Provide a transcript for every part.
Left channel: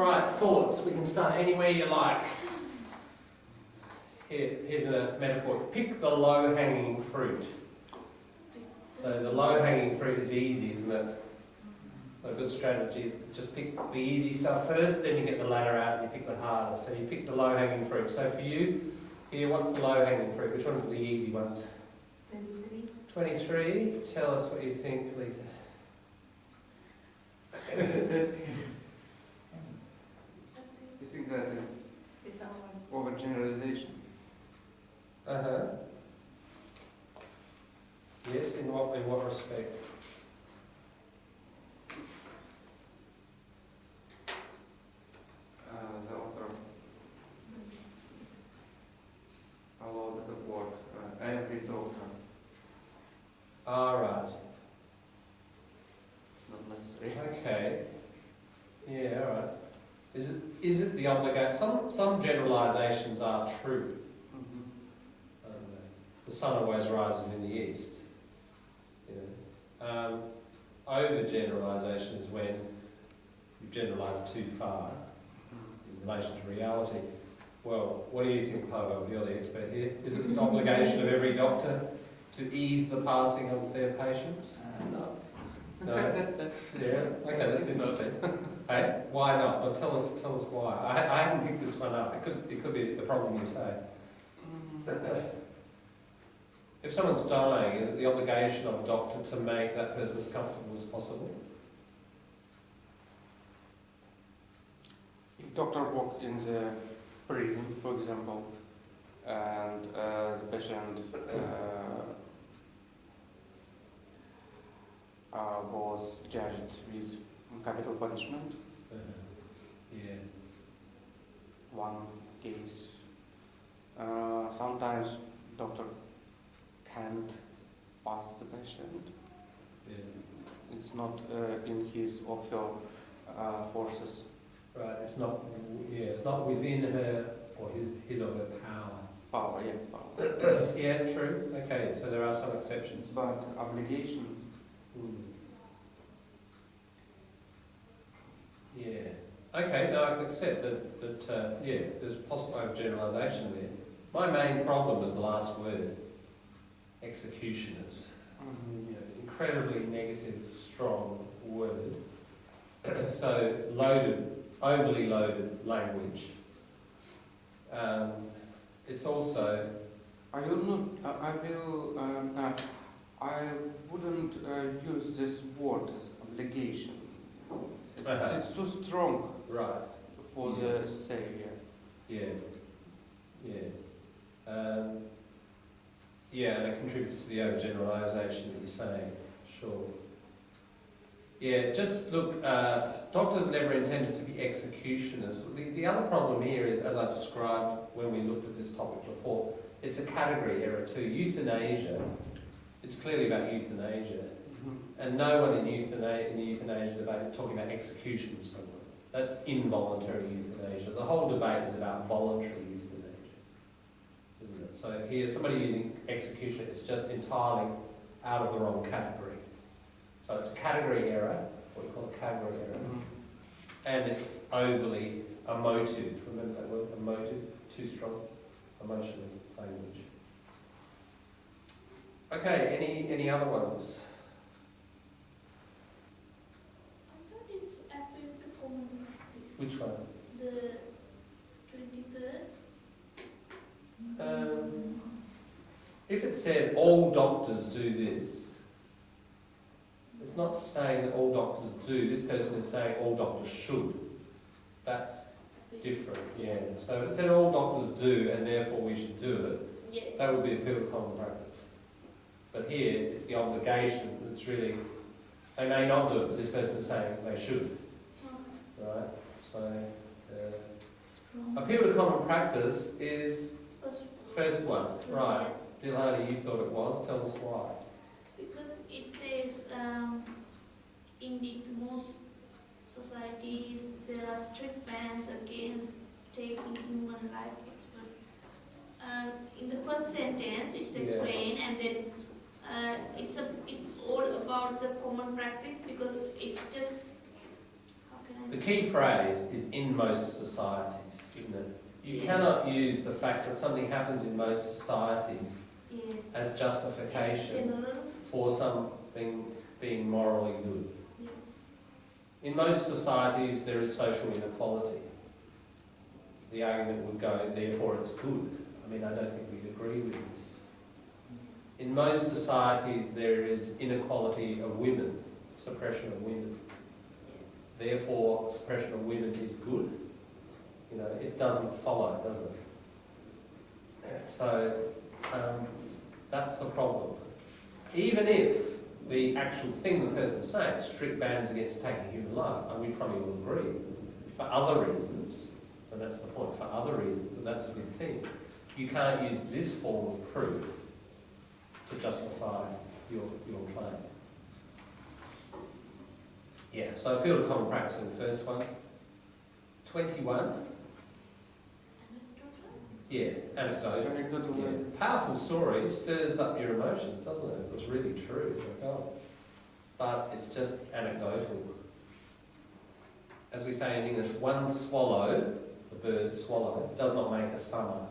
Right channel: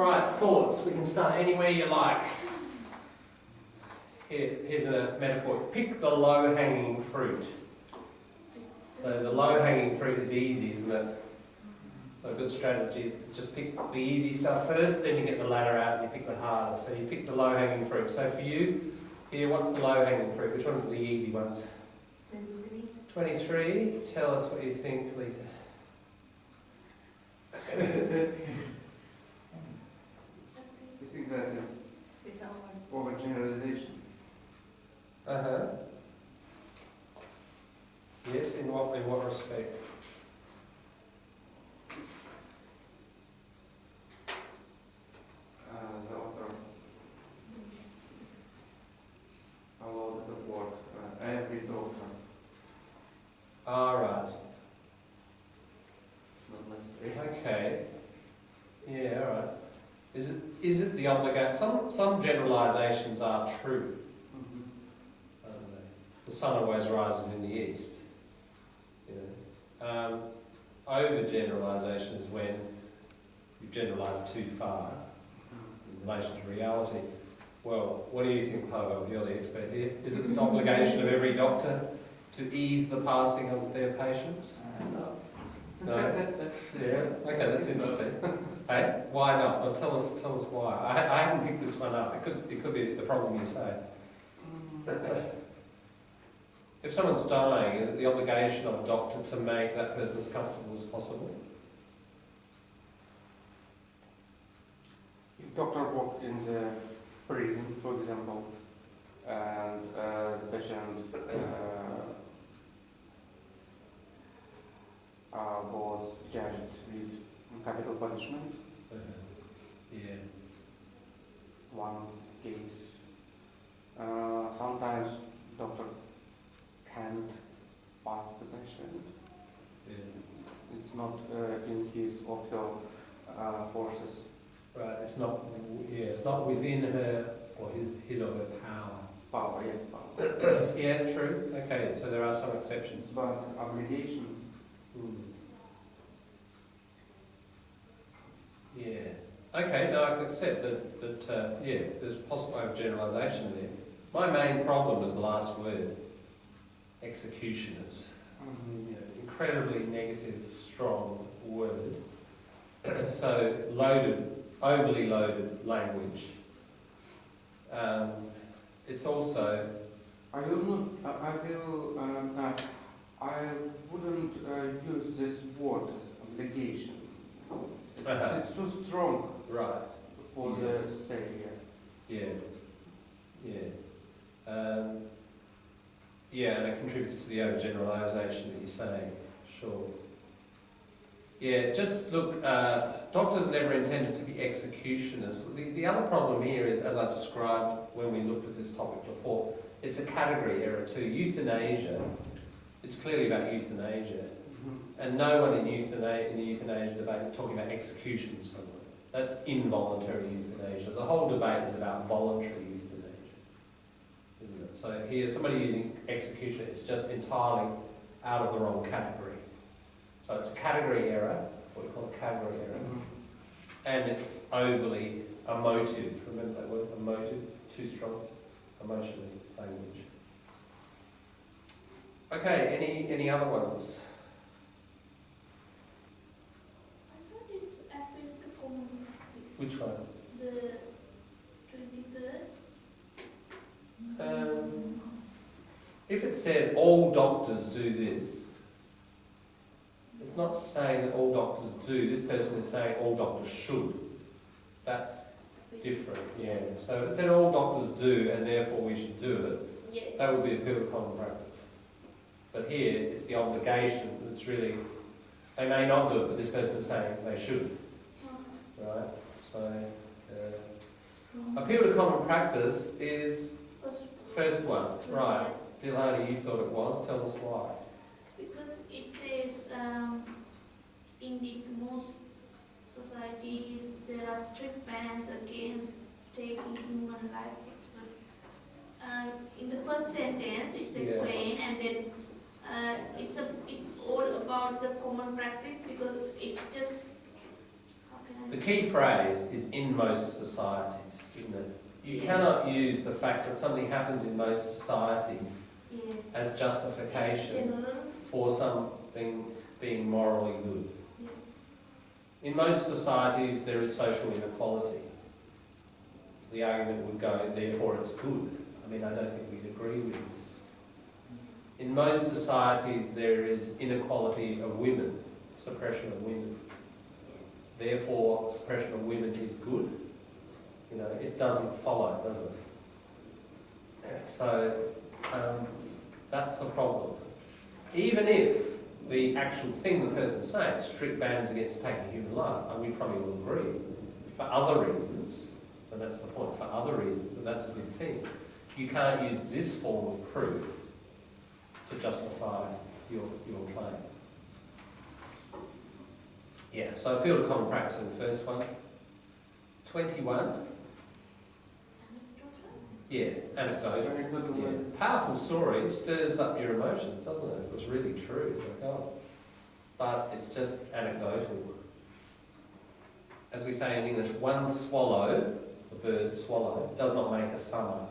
Right, thoughts. We can start anywhere you like. Here's a metaphor. Pick the low-hanging fruit. So the low-hanging fruit is easy, isn't it? So a good strategy is to just pick the easy stuff first, then you get the ladder out and you pick the harder. So you pick the low-hanging fruit. So for you, here, what's the low-hanging fruit? Which one's the easy ones? 23. 23. Tell us what you think, Lita. You think that It's our overgeneralization? Uh-huh. Yes, in what respect? The author, a lot of work, every doctor, Ah, right. it's not necessary. Okay. Yeah, all right. Is it the obligation? Some generalisations are true, aren't they? The sun always rises in the east. You know, over-generalisation is when you've generalised too far in relation to reality. Well, what do you think, Pavel? You're the expert here. Is it the obligation of every doctor to ease the passing of their patients? No. No. Yeah. Okay, that's interesting. Hey, why not? Well, tell us why. I haven't picked this one up. It could be the problem you say. If someone's dying, is it the obligation of a doctor to make that person as comfortable as possible? If doctor work in the prison, for example, and the patient was judged with capital punishment, Yeah. one case, sometimes doctor can't pass the patient. Yeah. It's not in his or her forces. Right. It's not. Yeah. It's not within her or his or her power. Power, yeah, power. Yeah. True. Okay. So there are some exceptions. But obligation. Yeah. Okay, no, I can accept that yeah, there's possible overgeneralisation there. My main problem was the last word, executioners. You know, incredibly negative, strong word. So overly loaded language. It's also... I wouldn't use this word as obligation. It's too strong Right. for the say. Yeah. Yeah, and it contributes to the overgeneralisation that you're saying. Sure. Yeah, just look, doctors never intended to be executioners. The other problem here is, as I described when we looked at this topic before, it's a category error too. Euthanasia, it's clearly about euthanasia. And no one in the euthanasia debate is talking about execution of someone. That's involuntary euthanasia. The whole debate is about voluntary euthanasia, isn't it? So here, somebody using execution, it's just entirely out of the wrong category. So it's a category error, what we call a category error, and it's overly emotive. Remember that word, emotive? Too strong, emotionally language. Okay, any other ones? Which one? The 23rd. If it said all doctors do this, it's not saying that all doctors do. This person is saying all doctors should. That's different, yeah. So if it said all doctors do and therefore we should do it, Yeah. that would be a pure common practice. But here, it's the obligation that's really, they may not do it, but this person is saying they should, right? So, appeal to common practice is first one, right? Dilani, you thought it was. Tell us why. Because it says, indeed, most societies there are strict bans against taking human life experiments. In the first sentence, it's explained, and then it's all about the common practice, because it's just, how can I The key phrase is in most societies, isn't it? You cannot use the fact that something happens in most societies as justification for something being morally good. In most societies there is social inequality. The argument would go, therefore it's good. I mean, I don't think we'd agree with this. In most societies there is inequality of women, suppression of women. Therefore, suppression of women is good. You know, it doesn't follow, does it? So, that's the problem. Even if the actual thing the person's saying, strict bans against taking human life, and we probably will agree, for other reasons, and that's the point, for other reasons, and that's a good thing, you can't use this form of proof to justify your claim. Yeah, so appeal to common practice in the first one. 21. Yeah, anecdotal. Yeah. Powerful story, stirs up your emotions, doesn't it? If it's really true, but it's just anecdotal. As we say in English, one swallow, the bird swallow, does not make a summer.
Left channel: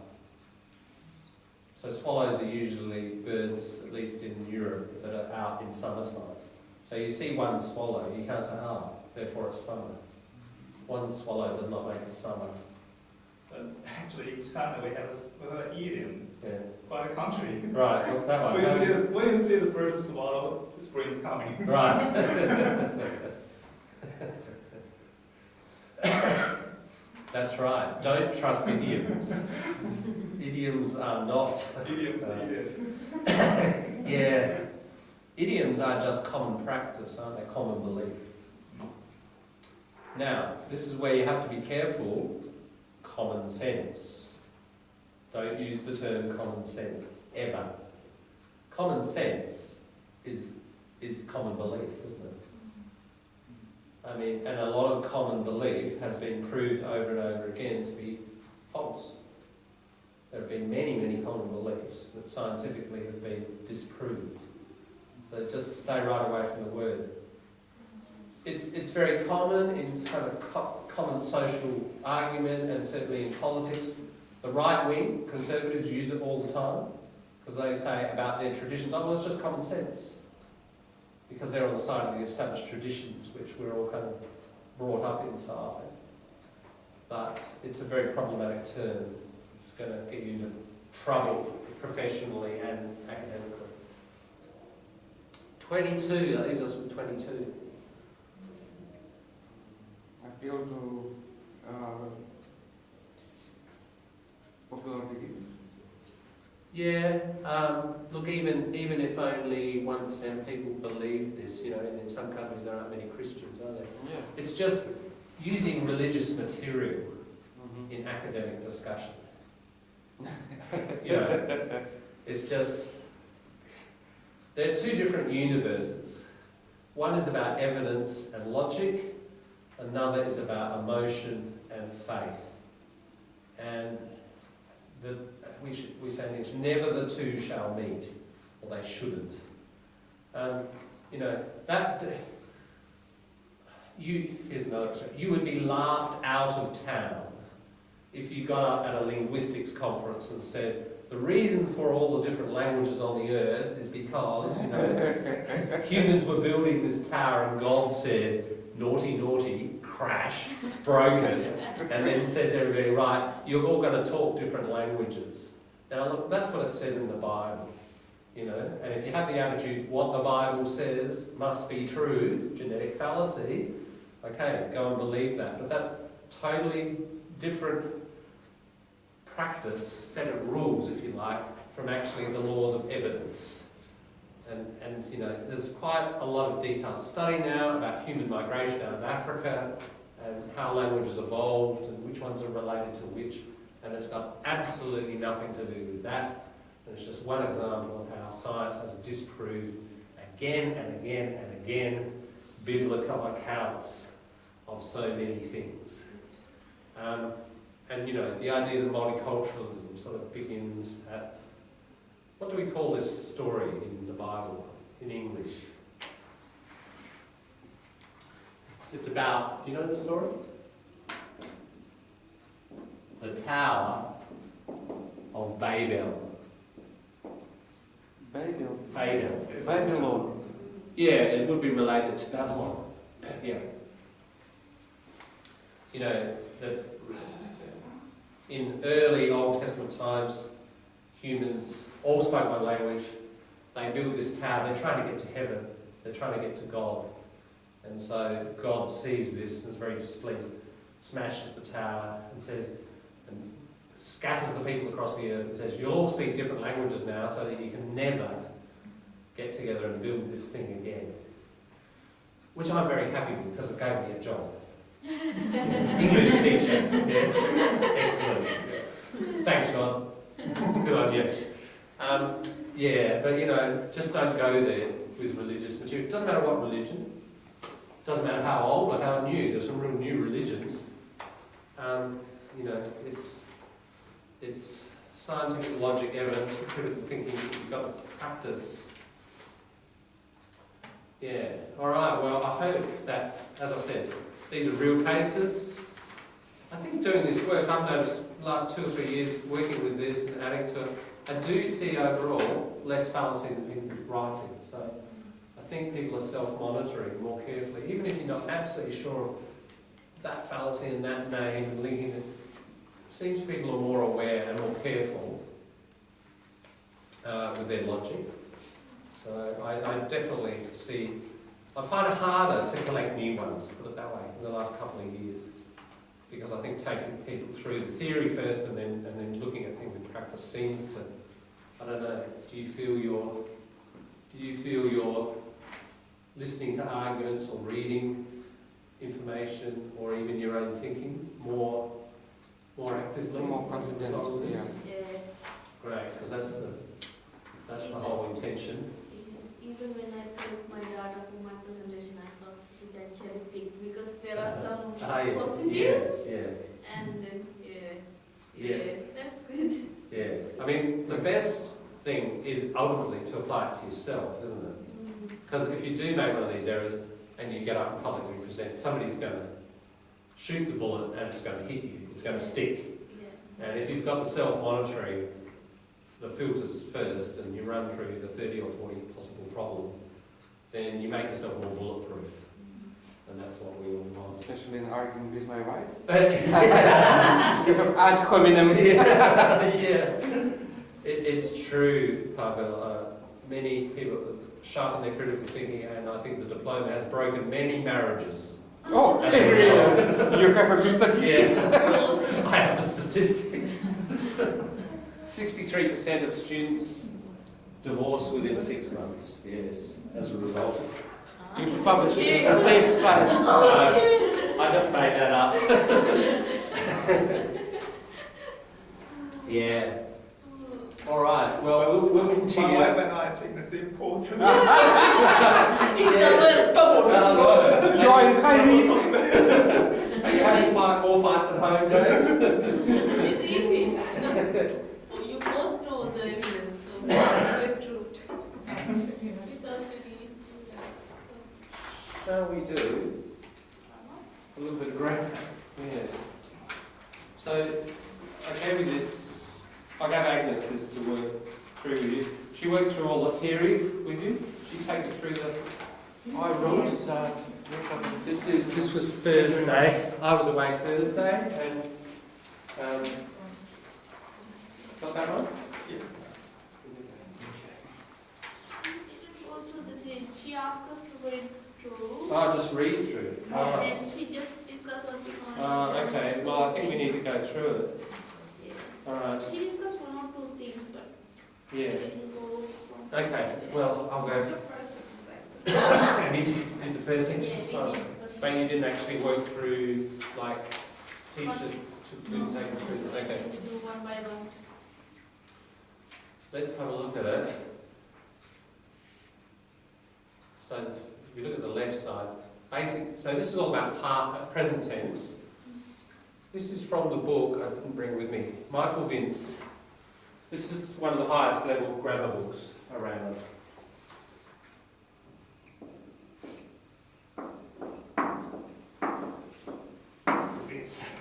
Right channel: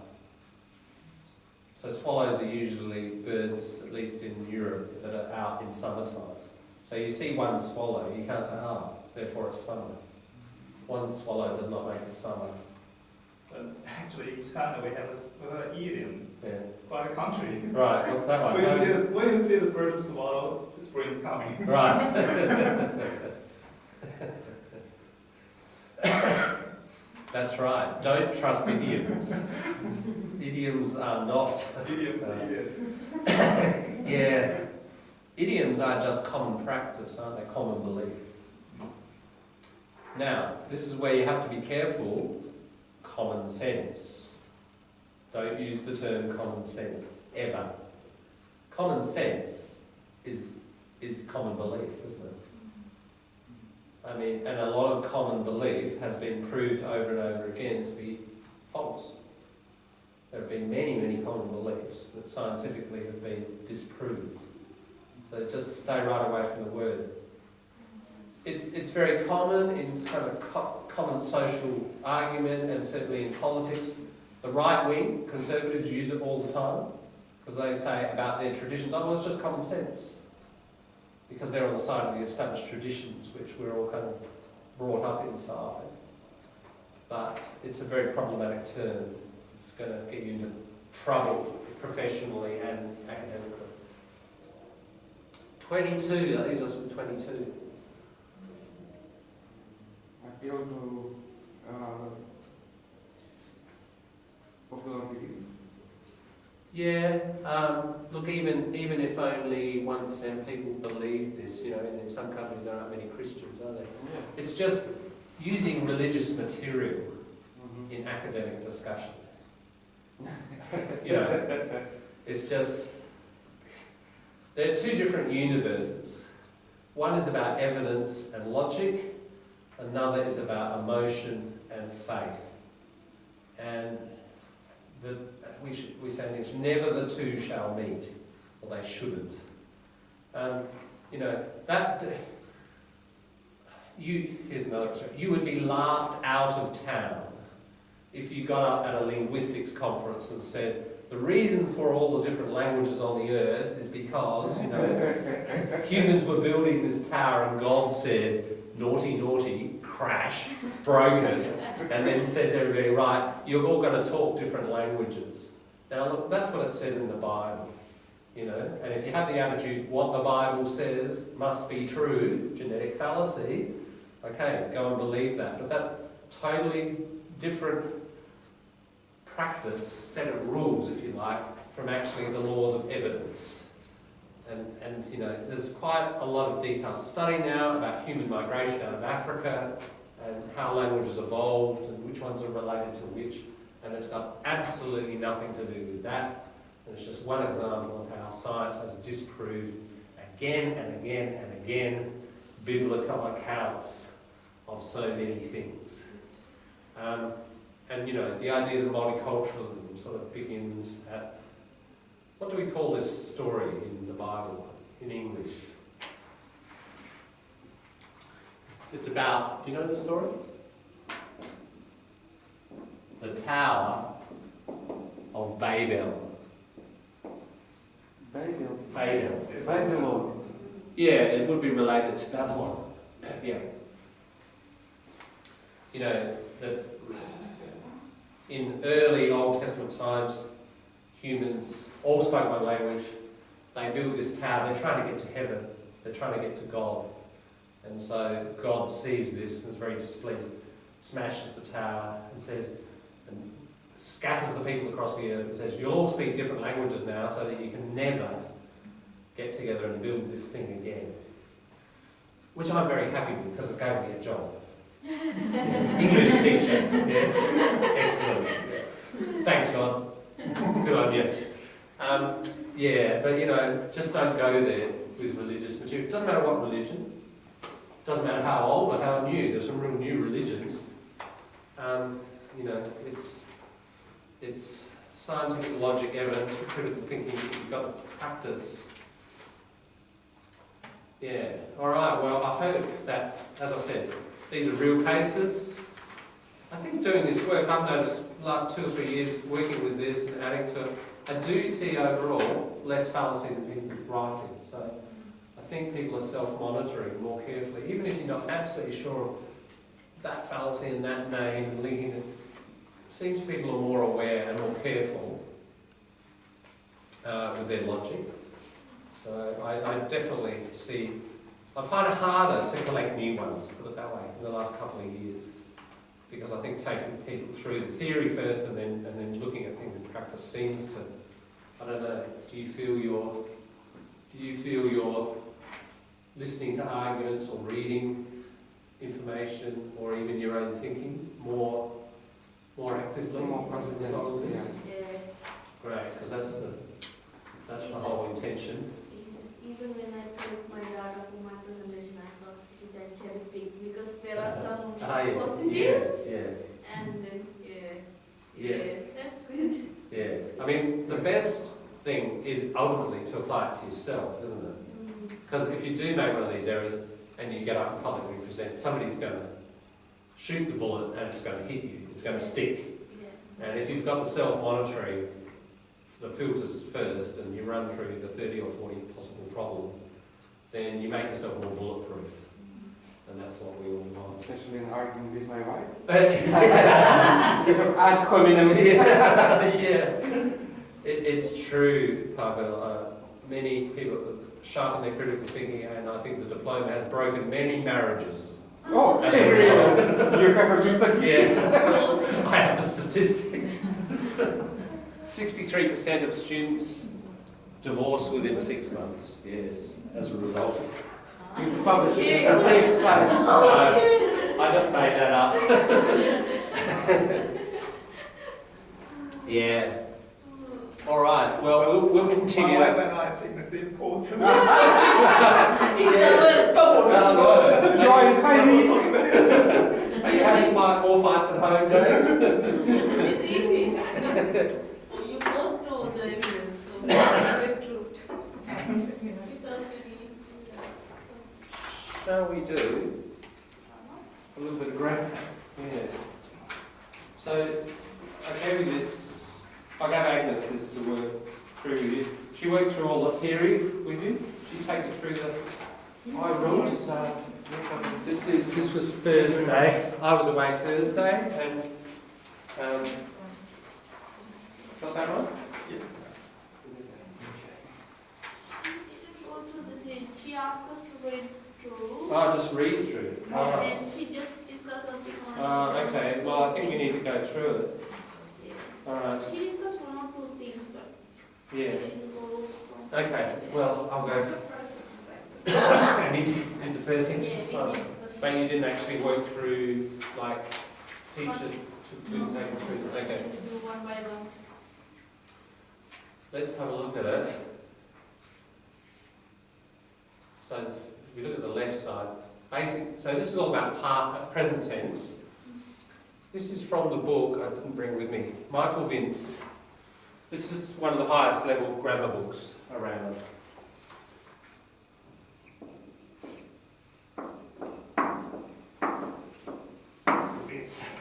So swallows are usually birds, at least in Europe, that are out in summertime. So you see one swallow, you can't say, therefore it's summer. One swallow does not make a summer. But actually, in China we have an idiom for the country. Right, what's that one? When you see the first swallow, the spring is coming. Right. That's right. Don't trust idioms. Idioms are not. Yeah. Idioms are just common practice, aren't they? Common belief. Now, this is where you have to be careful. Common sense. Don't use the term common sense, ever. Common sense is common belief, isn't it? I mean, and a lot of common belief has been proved over and over again to be false. There have been many, many common beliefs that scientifically have been disproved. So just stay right away from the word. It's very common in kind of common social argument, and certainly in politics. The right wing, conservatives, use it all the time because they say about their traditions, well, it's just common sense. Because they're on the side of the established traditions, which we're all kind of brought up inside. But it's a very problematic term. It's going to get you into trouble professionally and academically. 22, that leaves us with 22. Appeal to popular belief. Yeah, look, even if only 1% people believe this, you know, and in some countries there aren't many Christians, are there? Yeah. It's just using religious material in academic discussion. You know, it's just, there are two different universes. One is about evidence and logic, another is about emotion and faith. And we say in English, never the two shall meet, or they shouldn't. You know, here's another example. You would be laughed out of town if you got up at a linguistics conference and said, the reason for all the different languages on the earth is because, you know, humans were building this tower and God said, naughty, naughty, crash, broke it, and then said to everybody, right, you're all going to talk different languages. Now look, that's what it says in the Bible, you know, and if you have the attitude, what the Bible says must be true, genetic fallacy, okay, go and believe that. But that's totally different practice, set of rules, if you like, from actually the laws of evidence. And you know, there's quite a lot of detailed study now about human migration out of Africa and how languages evolved and which ones are related to which, and it's got absolutely nothing to do with that. And it's just one example of how science has disproved again and again and again biblical accounts of so many things. And you know, the idea that multiculturalism sort of begins at, what do we call this story in the Bible, in English? It's about, do you know the story? The Tower of Babel. Babel. Babel. Babylon. Yeah, it would be related to Babylon. Yeah. You know, that in early Old Testament times, humans all spoke one language. They build this tower. They're trying to get to heaven. They're trying to get to God. And so God sees this and is very displeased, smashes the tower and says, and scatters the people across the earth and says, you'll all speak different languages now so that you can never get together and build this thing again. Which I'm very happy with because it gave me a job. English teacher. Yeah. Excellent. Thanks, God. Good on you. Yeah, but you know, just don't go there with religious material. It doesn't matter what religion. It doesn't matter how old or how new. There's some real new religions. You know, it's scientific logic, evidence, critical thinking. You've got to practice. Yeah. All right. Well, I hope that, as I said, these are real cases. I think doing this work, I've noticed the last 2 or 3 years working with this and adding to it, I do see overall less fallacies in people writing. So I think people are self-monitoring more carefully, even if you're not absolutely sure of that fallacy and that name and linking it. It seems people are more aware and more careful with their logic. So I definitely see, I find it harder to collect new ones, put it that way, in the last couple of years. Because I think taking people through the theory first and then looking at things in practice seems to, I don't know, do you feel you're listening to arguments or reading information or even your own thinking more actively as a result of this? Yeah. Great, because that's the whole intention. Even when I took my data for my presentation, I thought, did I cherry pick? Because there are some positive and that's good. Yeah, I mean, the best thing is ultimately to apply it to yourself, isn't it? Because if you do make one of these errors and you get up and publicly present, somebody's going to shoot the bullet and it's going to hit you, it's going to stick. Yeah. And if you've got the self-monitoring, the filters first, and you run through the 30 or 40 possible problems, then you make yourself more bulletproof. And that's what we all want. Especially in arguing with my wife. Yeah. You have ad hominem. Yeah. It's true, Pavel. Many people sharpen their critical thinking, and I think the diploma has broken many marriages. Oh, As a result. you have a good statistics. Yes, I have the statistics. 63% of students divorce within 6 months. Yes, as a result. You should publish it on tape side. I just made that up. Yeah. All right. Well, we'll My continue. wife and I take the same course. Double. You are in high risk. Are you having more fights at home, James? It's easy. You both know the evidence, so the truth. Without any. Shall we do a little bit of grammar? Yeah. So I gave you this. I gave Agnes this to work through with you. She worked through all the theory with you. She take you through the high rules. This was Thursday. I was away Thursday, and got that right? Yeah. Go through the thing. She asked us to read through. Oh, just read through. And then she just discussed something on it. Okay. Well, I think we need to go through it. Yeah. All right. She discussed 1 or 2 things, but Yeah. we didn't go so. Okay. Well, I'll go. And you did the first exercise, but you didn't actually work through, like, teacher didn't take you through. Okay. Do 1 by 1. Let's have a look at it. So if we look at the left side, so this is all about present tense. This is from the book I didn't bring with me, Michael Vince. This is one of the highest level grammar books around.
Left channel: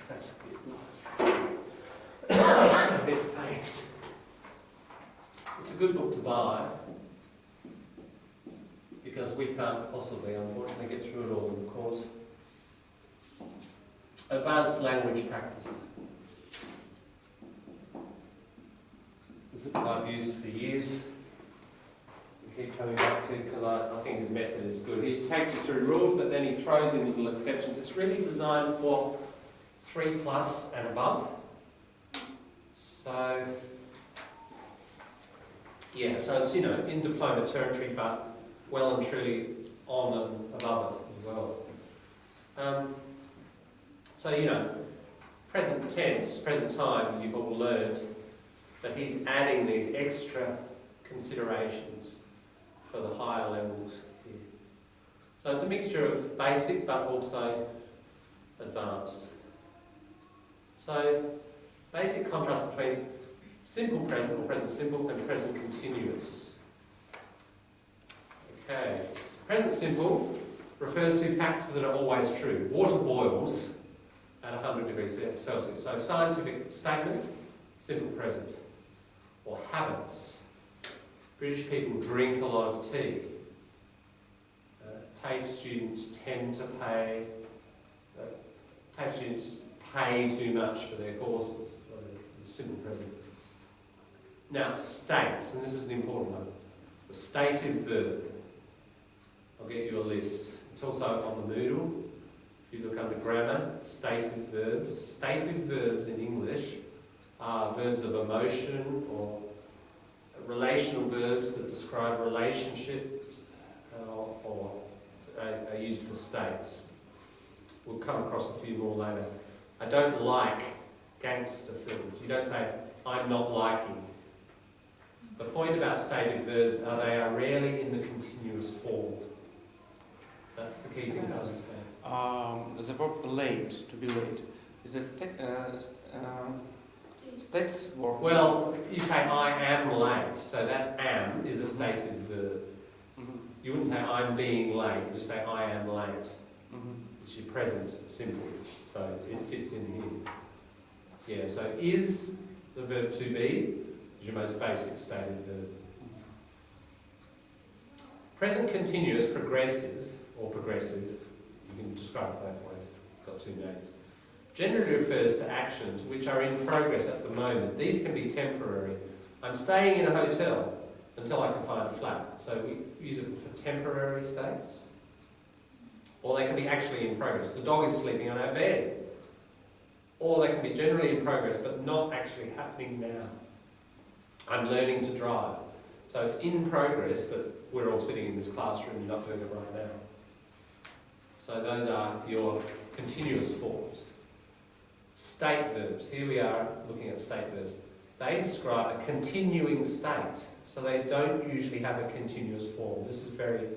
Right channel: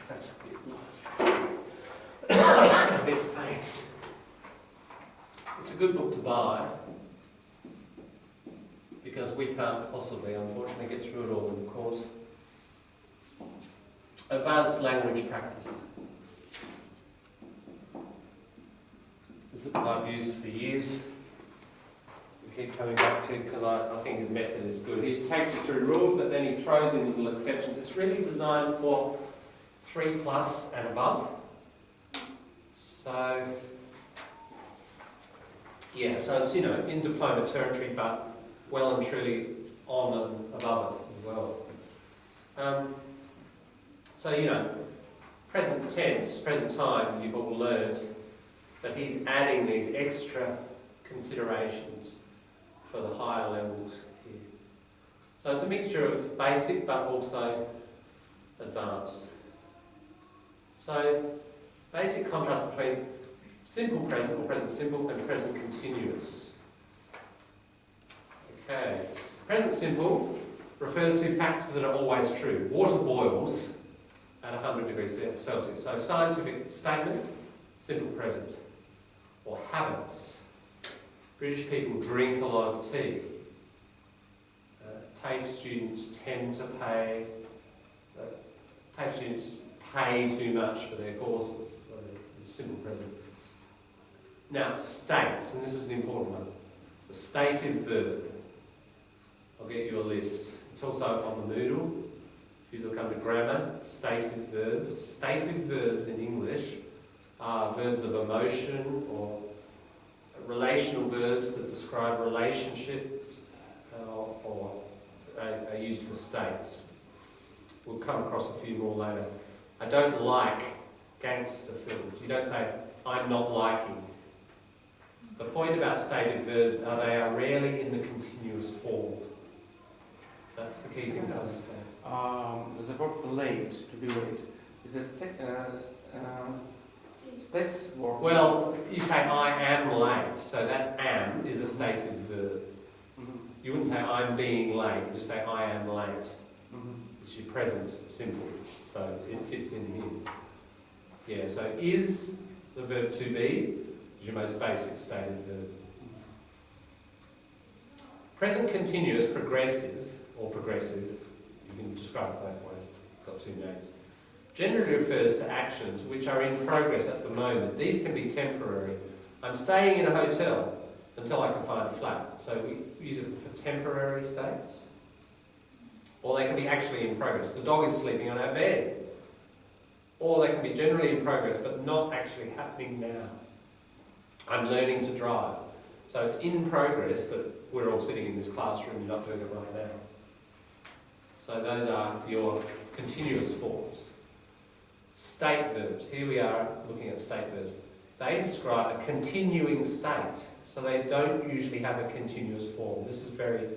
That's a bit faint. It's a good book to buy because we can't possibly, unfortunately, get through it all in the course. Advanced language practice. It's a book I've used for years. We keep coming back to because I think his method is good. He takes you through rules, but then he throws in little exceptions. It's really designed for 3+ and above. So, yeah, so it's, in diploma territory, but well and truly on and above it as well. So, present tense, present time, you've all learned, but he's adding these extra considerations for the higher levels here. So it's a mixture of basic but also advanced. So, basic contrast between simple present or present simple and present continuous. Okay, present simple refers to facts that are always true. Water boils at 100 degrees Celsius. So scientific statements, simple present. Or habits. British people drink a lot of tea. TAFE students tend to pay, TAFE students pay too much for their courses. Simple present. Now, states, and this is an important one. The stative verb. I'll get you a list. It's also on the Moodle. If you look under grammar, stative verbs. Stative verbs in English are verbs of emotion or relational verbs that describe relationship or are used for states. We'll come across a few more later. I don't like gangster films. You don't say, I'm not liking. The point about stative verbs are they are rarely in the continuous form. That's the key thing to understand. The verb late, to be late, is a states verb. Well, you say I am late, so that am is a stative verb. Mm-hmm. You wouldn't say I'm being late, you just say I am late. Mm-hmm. It's your present simple, so it fits in here. Yeah, so is the verb to be is your most basic stative verb. Present continuous, progressive, or progressive, you can describe it both ways, got two names, generally refers to actions which are in progress at the moment. These can be temporary. I'm staying in a hotel until I can find a flat. So we use it for temporary states. Or they can be actually in progress. The dog is sleeping on our bed. Or they can be generally in progress but not actually happening now. I'm learning to drive. So it's in progress, but we're all sitting in this classroom, you're not doing it right now. So those are your continuous forms. State verbs. Here we are looking at state verbs. They describe a continuing state, so they don't usually have a continuous form. This is very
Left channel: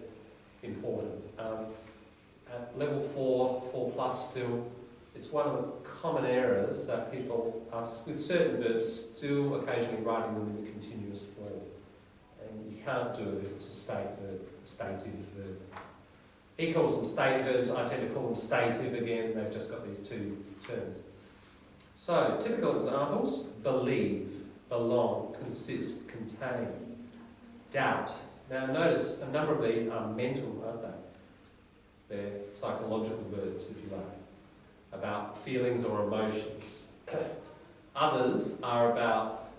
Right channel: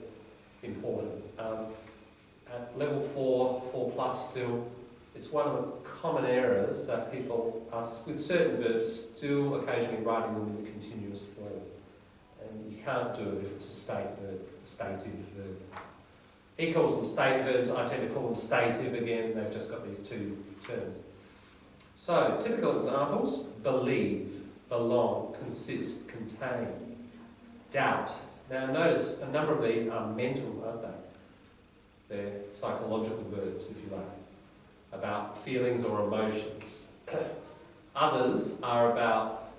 important. At level 4+ still, it's one of the common errors that people are, with certain verbs, still occasionally writing them in the continuous form. And you can't do it if it's a state verb, a stative verb. He calls them state verbs, I tend to call them stative again, they've just got these two terms. So, typical examples: believe, belong, consist, contain, doubt. Now notice, a number of these are mental, aren't they? They're psychological verbs, if you like, about feelings or emotions. Others are about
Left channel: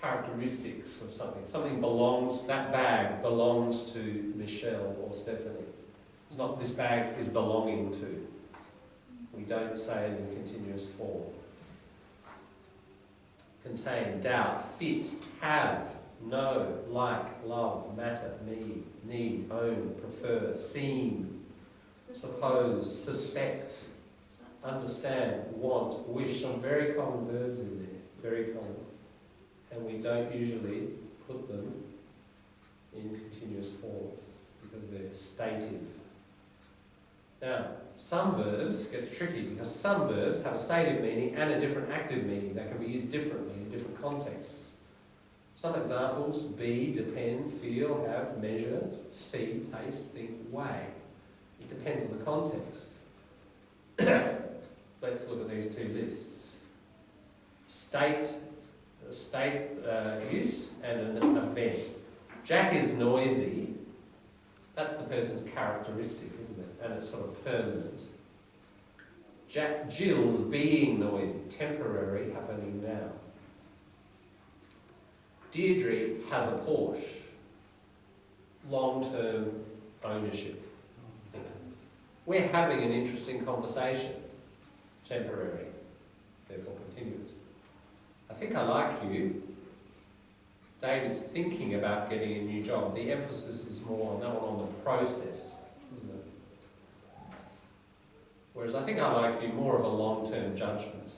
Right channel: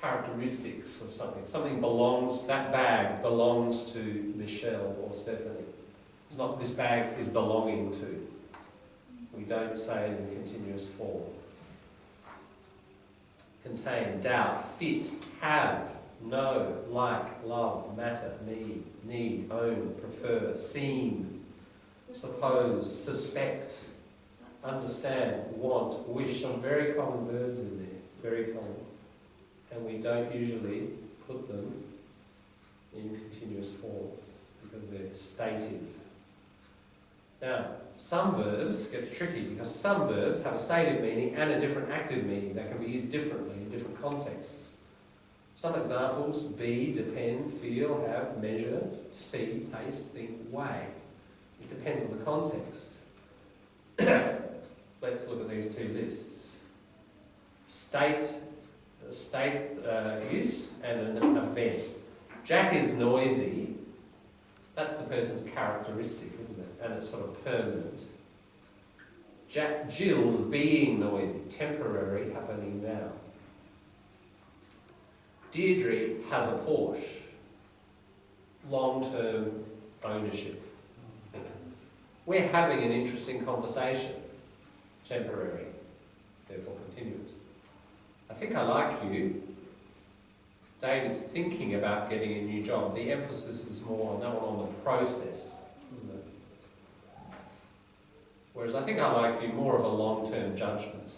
characteristics of something. Something belongs, that bag belongs to Michelle or Stephanie. It's not this bag is belonging to. We don't say it in continuous form. Contain, doubt, fit, have, know, like, love, matter, need, own, prefer, seem, suppose, suspect, understand, want, wish. Some very common verbs in there, very common. And we don't usually put them in continuous form because they're stative. Now, some verbs get tricky because some verbs have a stative meaning and a different active meaning. They can be used differently in different contexts. Some examples: be, depend, feel, have, measure, see, taste, think, weigh. It depends on the context. But let's look at these two lists. State use and an event. Jack is noisy. That's the person's characteristic, isn't it? And it's sort of permanent. Jill's being noisy, temporary, happening now. Deirdre has a Porsche, long-term ownership. We're having an interesting conversation, temporary, therefore continuous. I think I like you. David's thinking about getting a new job. The emphasis is more on that one, on the process, isn't it? Whereas I think I like you more of a long-term judgment.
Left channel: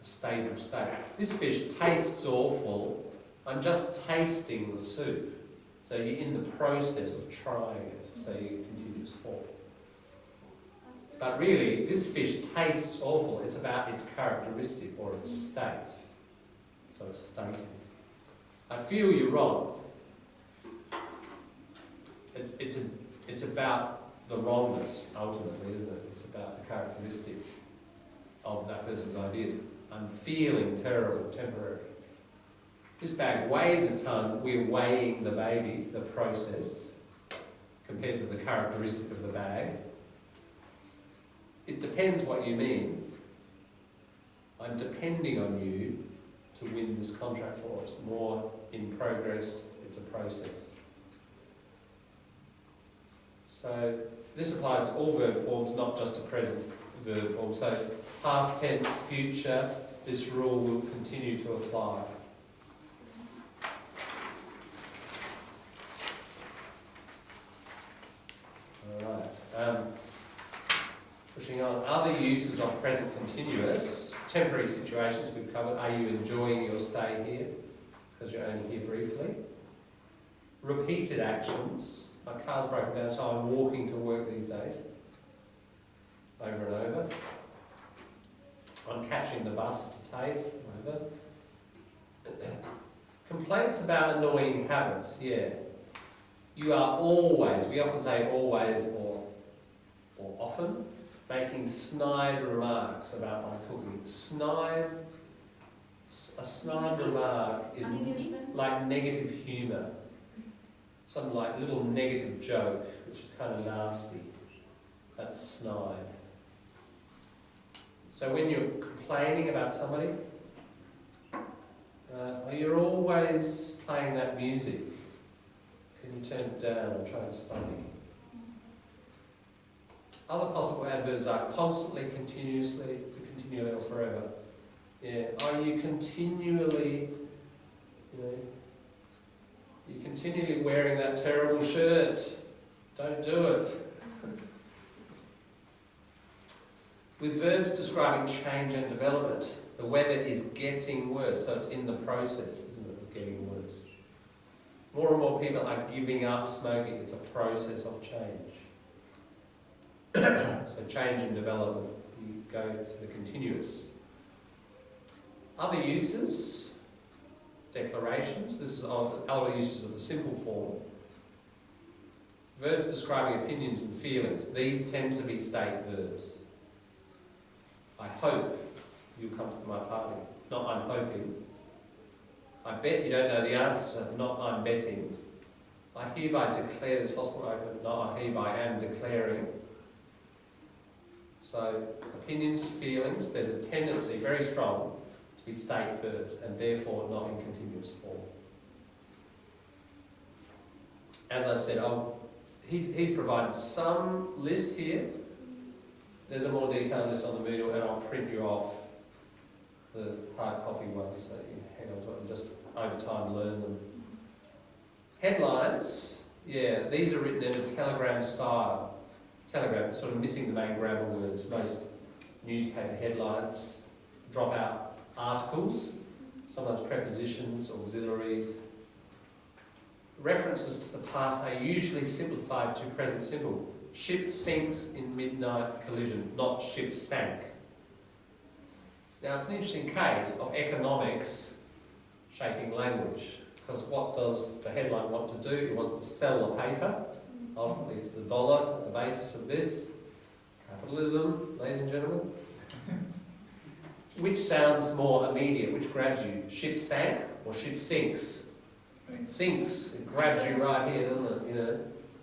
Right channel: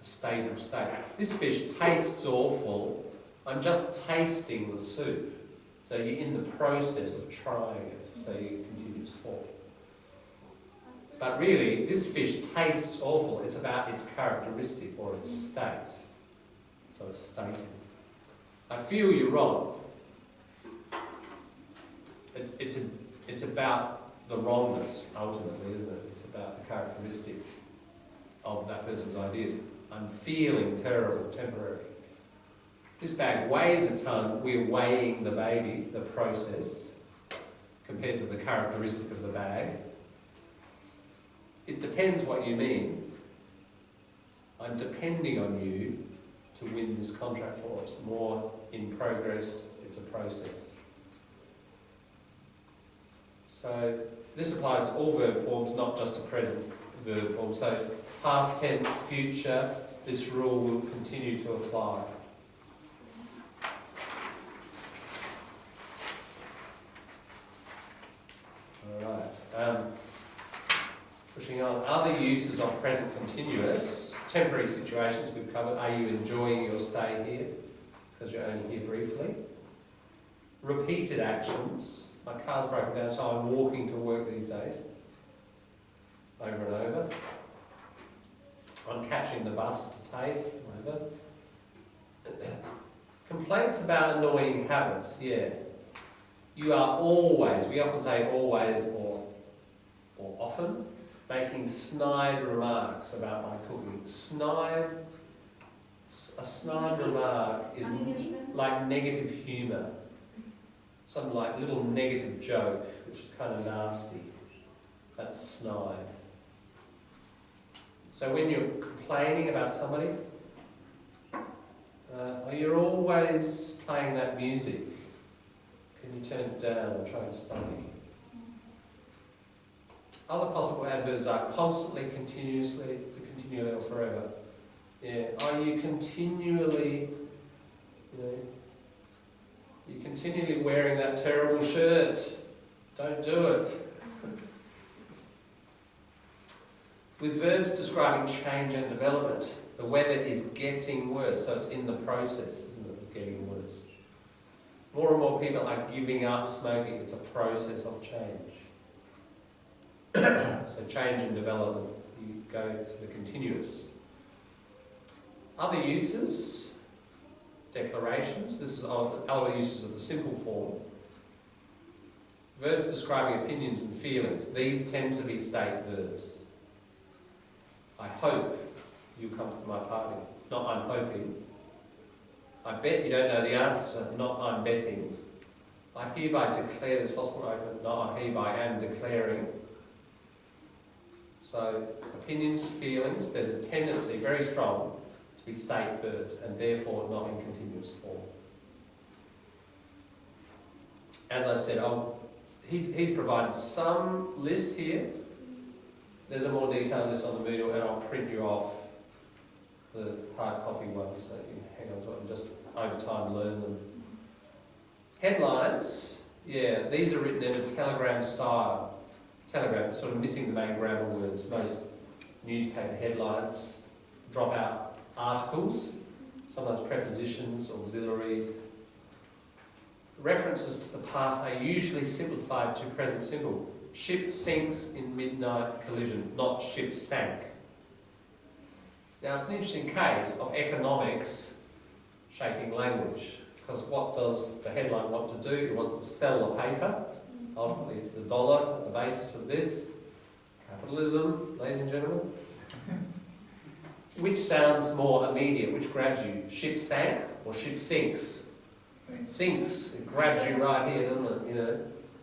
A stable state. This fish tastes awful. I'm just tasting the soup. So you're in the process of trying it. So you continue to fall. But really, this fish tastes awful. It's about its characteristic or its state. So it's stating. I feel you're wrong. It's about the wrongness, ultimately, isn't it? It's about the characteristic of that person's ideas. I'm feeling terrible, temporary. This bag weighs a ton. We're weighing the baby, the process, compared to the characteristic of the bag. It depends what you mean. I'm depending on you to win this contract for us. More in progress, it's a process. So this applies to all verb forms, not just to present verb forms. So past tense, future, this rule will continue to apply. Alright. Pushing on. Other uses of present continuous. Temporary situations we've covered. Are you enjoying your stay here? Because you're only here briefly. Repeated actions. My car's broken down, so I'm walking to work these days. Over and over. I'm catching the bus to TAFE, whatever. Complaints about annoying habits, yeah. You are always, we often say always or often, making snide remarks about my cooking. A snide remark is like negative humour. Some like little negative joke, which is kind of nasty. That's snide. So when you're complaining about somebody, you're always playing that music. Can you turn it down and try to study? Other possible adverbs are constantly, continuously, continually, or forever. Yeah. Are you continually, you're continually wearing that terrible shirt? Don't do it. With verbs describing change and development, the weather is getting worse, so it's in the process, isn't it, of getting worse. More and more people are giving up smoking. It's a process of change. So change and development, you go for the continuous. Other uses, declarations. This is other uses of the simple form. Verbs describing opinions and feelings. These tend to be state verbs. I hope you'll come to my party. Not I'm hoping. I bet you don't know the answer. Not I'm betting. I hereby declare this hospital open. Not I hereby am declaring. So opinions, feelings, there's a tendency, very strong, to be state verbs and therefore not in continuous form. As I said, he's provided some list here. There's a more detailed list on the Moodle and I'll print you off the hard copy ones so you can hang on to it and just over time learn them. Headlines, yeah, these are written in a telegram style. Telegram, sort of missing the main grammar words. Most newspaper headlines drop out articles, sometimes prepositions, auxiliaries. References to the past are usually simplified to present simple. Ship sinks in midnight collision, not ship sank. Now it's an interesting case of economics shaping language, because what does the headline want to do? It wants to sell the paper. Ultimately it's the dollar at the basis of this. Capitalism, ladies and gentlemen. Which sounds more immediate? Which grabs you? Ship sank or ship sinks? Sinks. It grabs you right here, doesn't it? You know,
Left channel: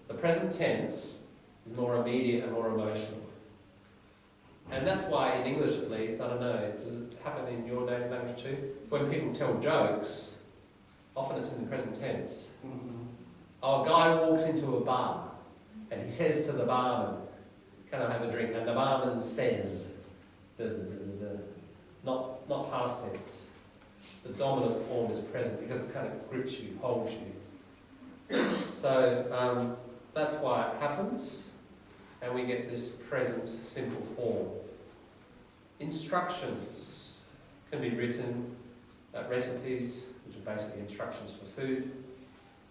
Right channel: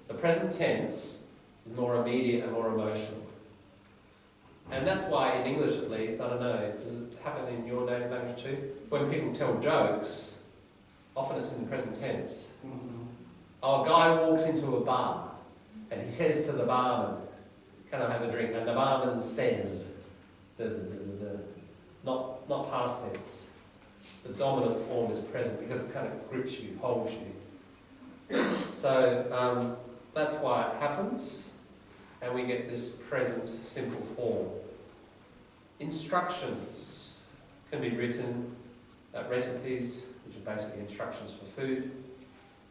the present tense is more immediate and more emotional. And that's why in English at least, I don't know, does it happen in your native language too? When people tell jokes, often it's in the present tense. Oh, a guy walks into a bar and he says to the barman, "Can I have a drink?" And the barman says, da, da, da, da, da. Not past tense. The dominant form is present because it kind of grips you, holds you. So that's why it happens, and we get this present simple form. Instructions can be written, recipes, which are basically instructions for food,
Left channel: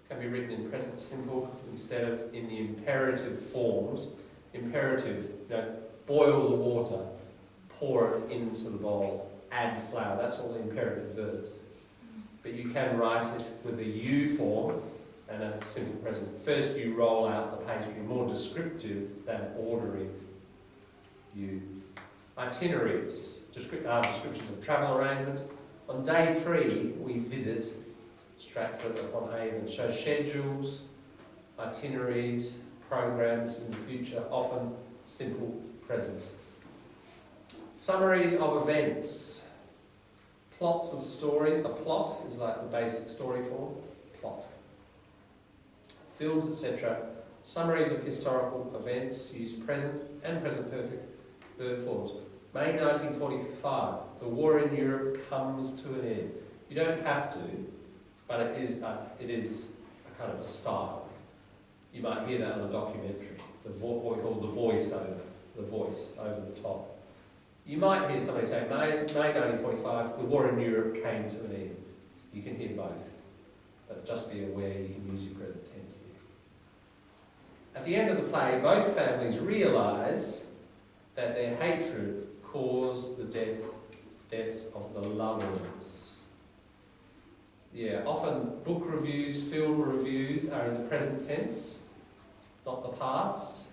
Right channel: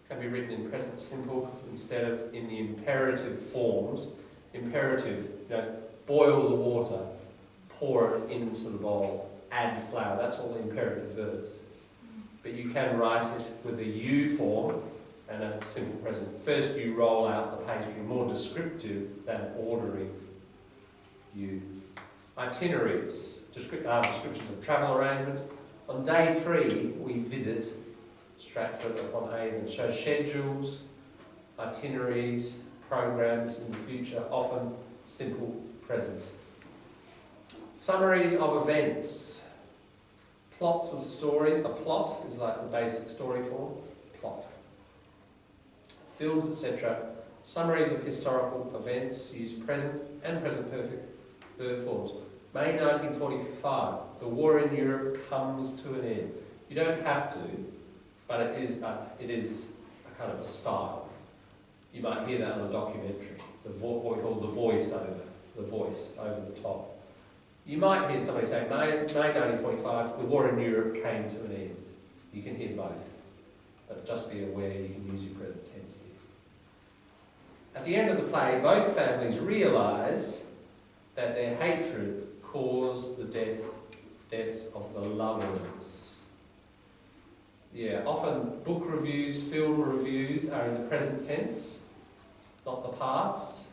can be written in present simple instead of in the imperative forms. Imperative, boil the water, pour it into the bowl, add flour, that's all the imperative verbs. But you can write it with a you form and a simple present. First you roll out the pastry, more descriptive than ordering you. Itineraries, descriptions of travel arrangements. On day 3 we visit Stratford upon Avon, show schedules, itineraries, programs in the future, often simple present. Summaries of events, plots of stories. A plot is like the basic story form, plot. Films, etc. Summaries of historical events use present and present perfect verb forms. May 1945, the war in Europe comes to an end. You don't have to, but it is a kind of a style. You might hear that in a documentary, what we call the voiceover, the voice over the top. You might hear somebody say, May 1945, the war in Europe came to an end. You can hear both, but just be aware you can use your present tense here. At the end of the play, both families realise that their hatred caused the deaths of the lovers. Yeah, often book reviews, film reviews are in the present tense, not the past.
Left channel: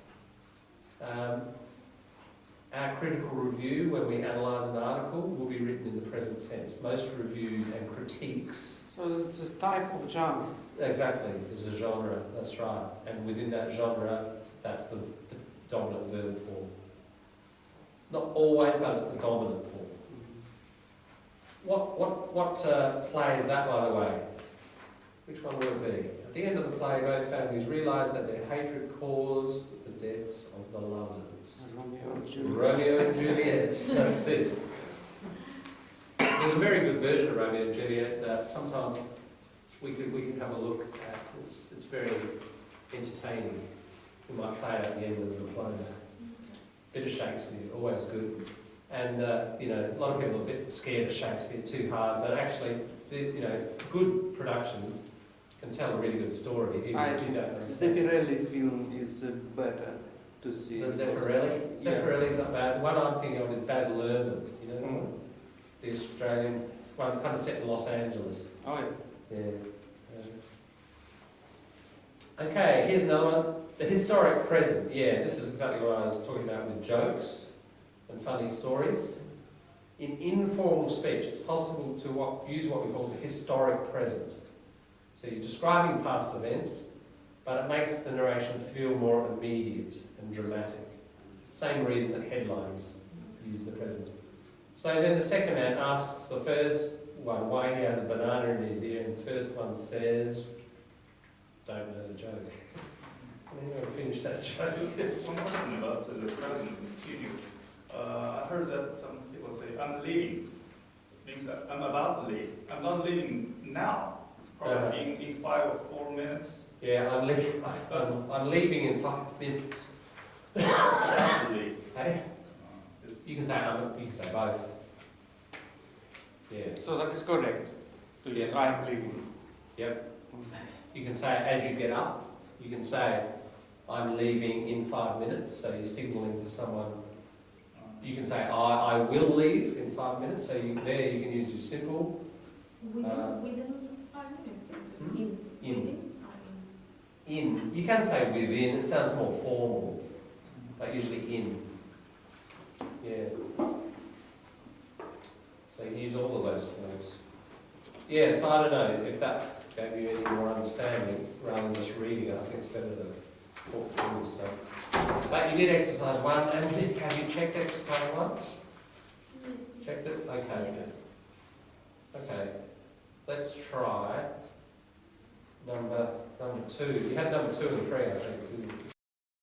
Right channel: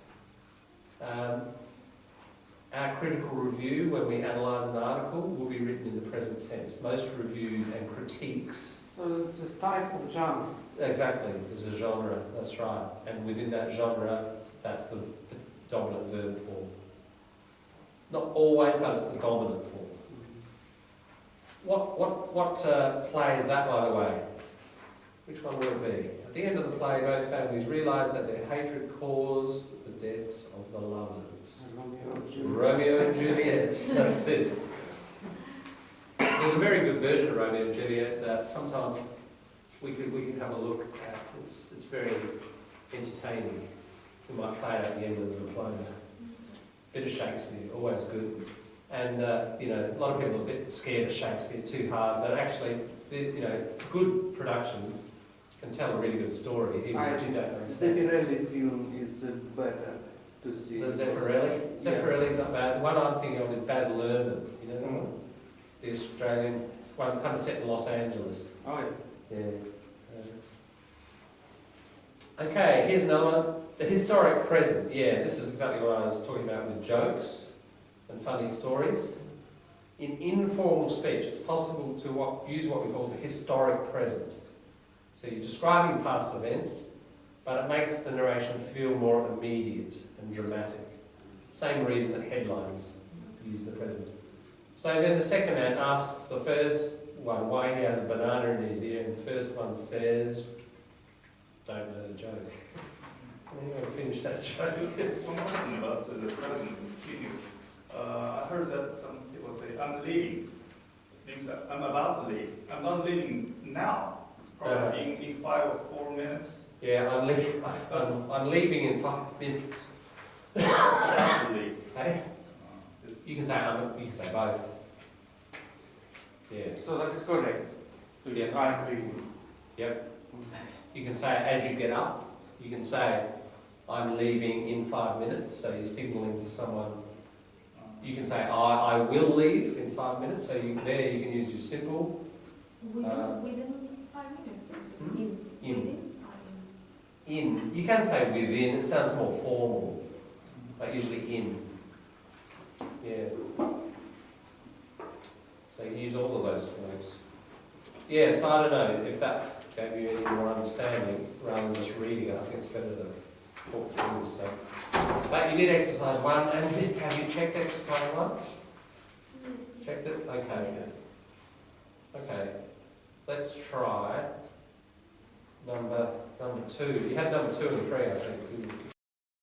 Our critical review, when we analyse an article, will be written in the present tense. Most reviews and critiques. So it's a type of genre. Exactly, it's a genre, that's right. And within that genre, that's the dominant verb form. Not always, but it's the dominant form. What play is that, by the way? Which one will it be? At the end of the play, both families realise that their hatred caused the deaths of the lovers. Romeo and Juliet, that's it. There's a very good version of Romeo and Juliet that sometimes we could have a look at. It's very entertaining. We might play it at the end of the diploma. Bit of Shakespeare, always good. And a lot of people are a bit scared of Shakespeare, too hard, but actually, good productions can tell a really good story, even if you don't understand. Zeffirelli film is better to see. The Zeffirelli? Zeffirelli's not bad. The one I'm thinking of is Baz Luhrmann, the Australian, one kind of set in Los Angeles. Oh, yeah. Yeah. Okay, here's another one. The historic present. Yeah, this is exactly what I was talking about with jokes and funny stories. In informal speech, it's possible to use what we call the historic present. So you're describing past events, but it makes the narration feel more immediate and dramatic. Same reason that headlines use the present. So then the second man asks the first one why he has a banana in his ear, and the first one says, don't know the joke. Anyone finish that joke? One more thing about the present continue. I heard that some people say, I'm leaving. Means that I'm about to leave. I'm not leaving now. Probably in 5 or 4 minutes. Yeah, I'm leaving in 5 minutes. About to leave. Hey? You can say both. Yeah. So that is correct. Yes. I'm leaving. Yep. You can say as you get up. You can say I'm leaving in 5 minutes. So you're signalling to someone. You can say I will leave in 5 minutes. So you can use your simple. Within 5 minutes. In. You can say within. It sounds more formal, but usually in. Yeah. So you use all of those forms. Yeah, so I don't know if that gave you any more understanding rather than just reading it. I think it's better to talk through this stuff. But you did exercise 1, and have you checked exercise 1? Checked it? Okay. Okay. Let's try number 2. You had number 2 and 3, I think, didn't you?